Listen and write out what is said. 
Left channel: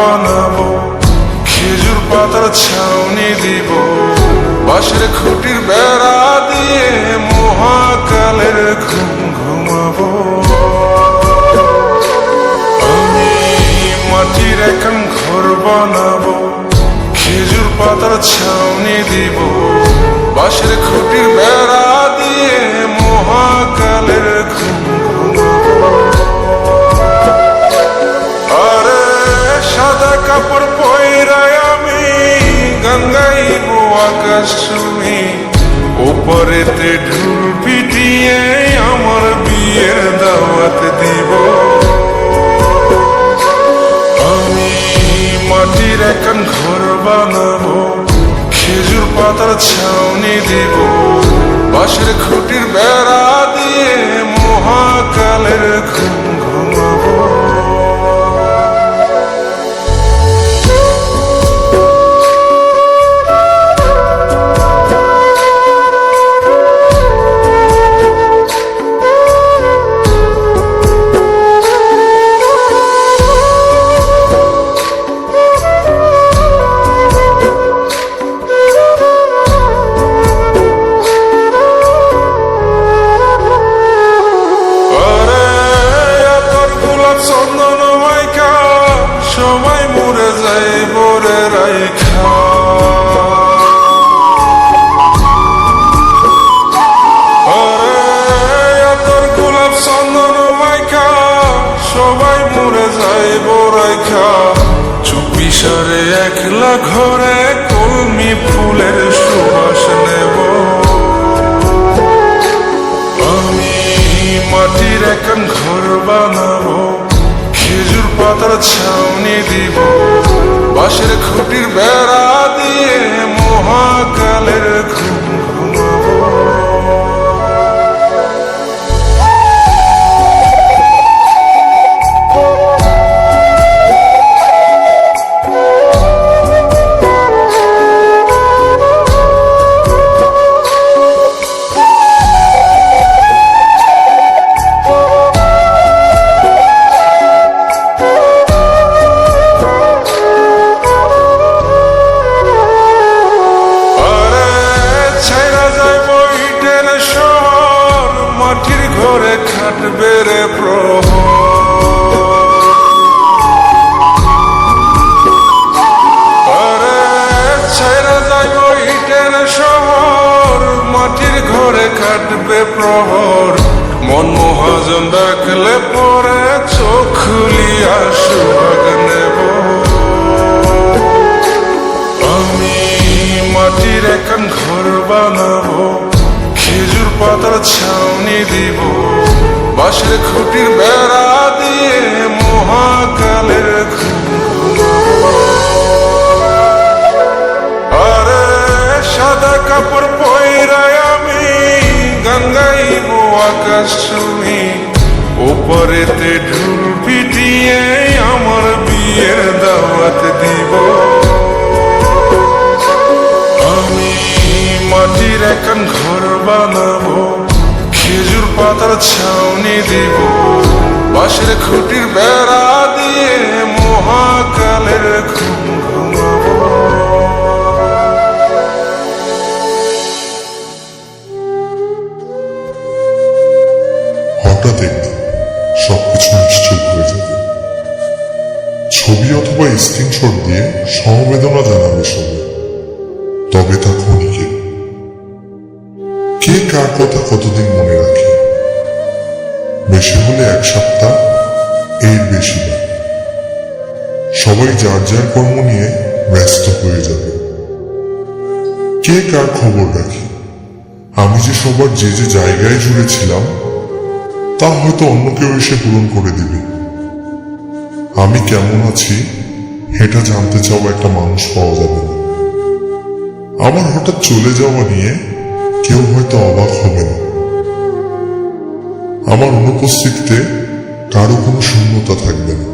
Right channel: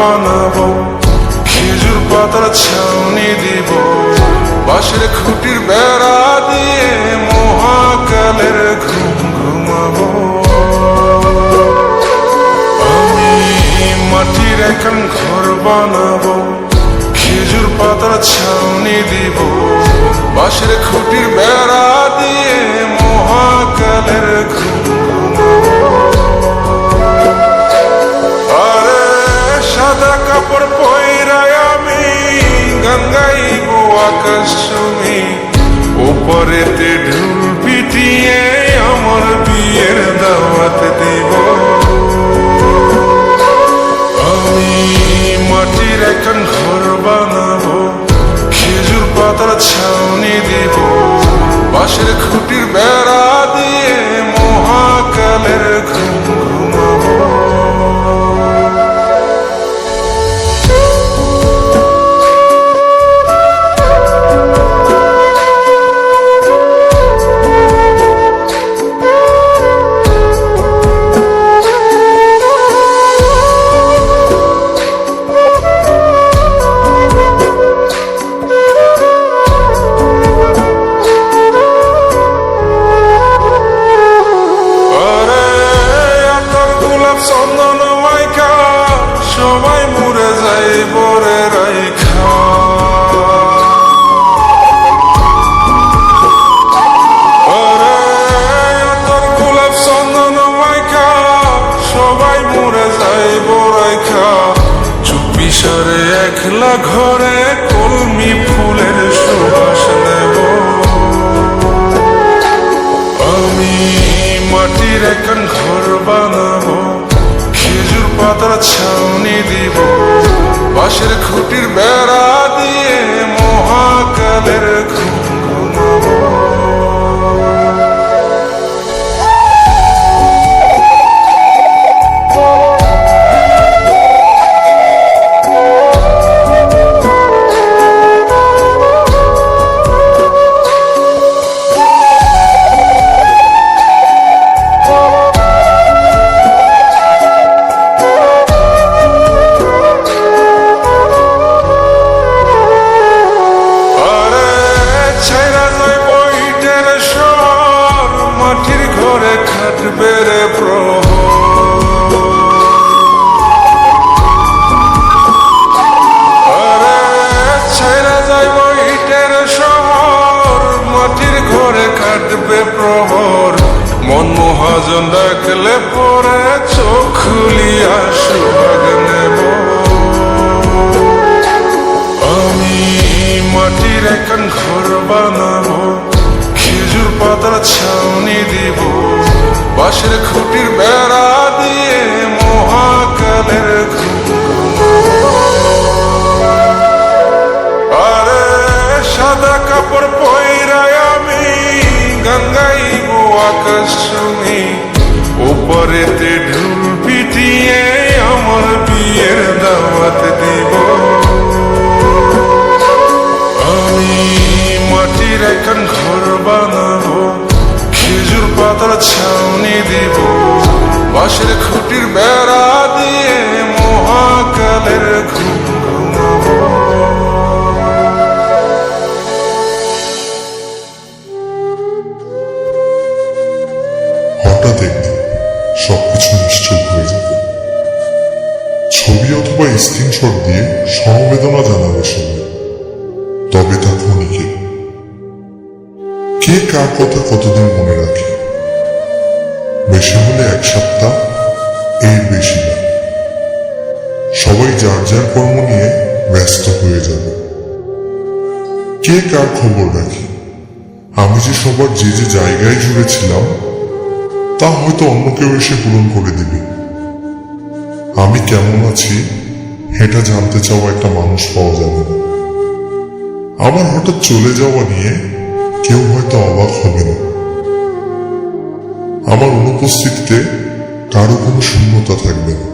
বানাবো, খেজুর পাতার ছাউনি দিব, বাঁশের খুঁটির বেড়া দিয়ে মহাকালের ঘুম ঘুমাবো। আমি মাটির এখন ঘর বানাবো, খেজুর পাতার ছাউনি দিব, বাঁশের খুঁটির বেড়া দিয়ে মহাকালের ঘুম ঘুমাবো। আরে সাদা কাপড় পয়রায় আমি গান গাইব আকাশ চুমি, ওপরেতে ঢোল পিটিয়ে আমার বিয়ের দাওয়াত দিব। আমি মাটির এখন ঘর বানাবো, খেজুর পাতার ছাউনি দিব, বাঁশের খুঁটির বেড়া দিয়ে মহাকালের ঘুম ঘুমাবো। চন্দন মাইকা সবাই মরে যাই বরে রাইখা, আরে তোর গোলাপ চন্দন মাইকা সবাই মরে যাই বরাইখা, চুপি সারে একলা ঘরে কলমি ফুলের সুবাস নেব। আমি মাটির এখন ঘর বানাবো, খেজুর পাতার ছাউনি দিব, বাঁশের খুঁটির বেড়া দিয়ে মহাকালের ঘুম ঘুমাবো। শহর মাটির ঘরে খাটবে রে প্রহর, আরে ছাইরা যাইব ইটের শহর মাটির ঘরে খাটবে প্রহর, মন মহাজন ডাকলে পরে চোখ খুলিয়া সুভাগ নেব। আমি মাটির এখন ঘর বানাবো, খেজুর পাতার ছাউনি দিব, বাঁশের খুঁটির বেড়া দিয়ে মহাকালের ঘুম ঘুমাবো। আরে সাদা কাপড় পয়রায় আমি গান গাইব আকাশ চুমি, ওপরেতে ঢোল পিটিয়ে আমার বিয়ের দাওয়াত দিব। আমি মাটির এখন ঘর বানাবো, খেজুর পাতার ছাউনি দিব, বাঁশের খুঁটির বেড়া দিয়ে মহাকালের ঘুম ঘুমাবো। হঠাৎ একদিন সবকিছু নিশ্চুপ হয়ে যাবে, ছবি অথবা স্ক্রিনশট দিয়ে সমবেদনা জানাবে সবাই, তবে তা ক্ষণিকে। কে কার কথা কতদিন মনে রাখে, বেশি হলে এক সপ্তাহ, এর বেশি না। সবাই যার যার কর্ম নিয়ে ব্যস্ত হয়ে যাবে। কে কার খবর রাখে, আমি যে সবার যে যে জায়গায় জুড়ে ছিলাম তা হয়তো অন্য কেউ এসে পূরণ করে দিবে। আমি কেমন আছি এটা জানতে চাওয়া একটা মানুষ পাওয়া যাবে না। আমার হঠাৎ চলে যাওয়া নিয়ে কেউ হয়তো অবাক হবে না। আমার অনুপস্থিতিতে কারো কোনো শূন্যতা থাকবে না।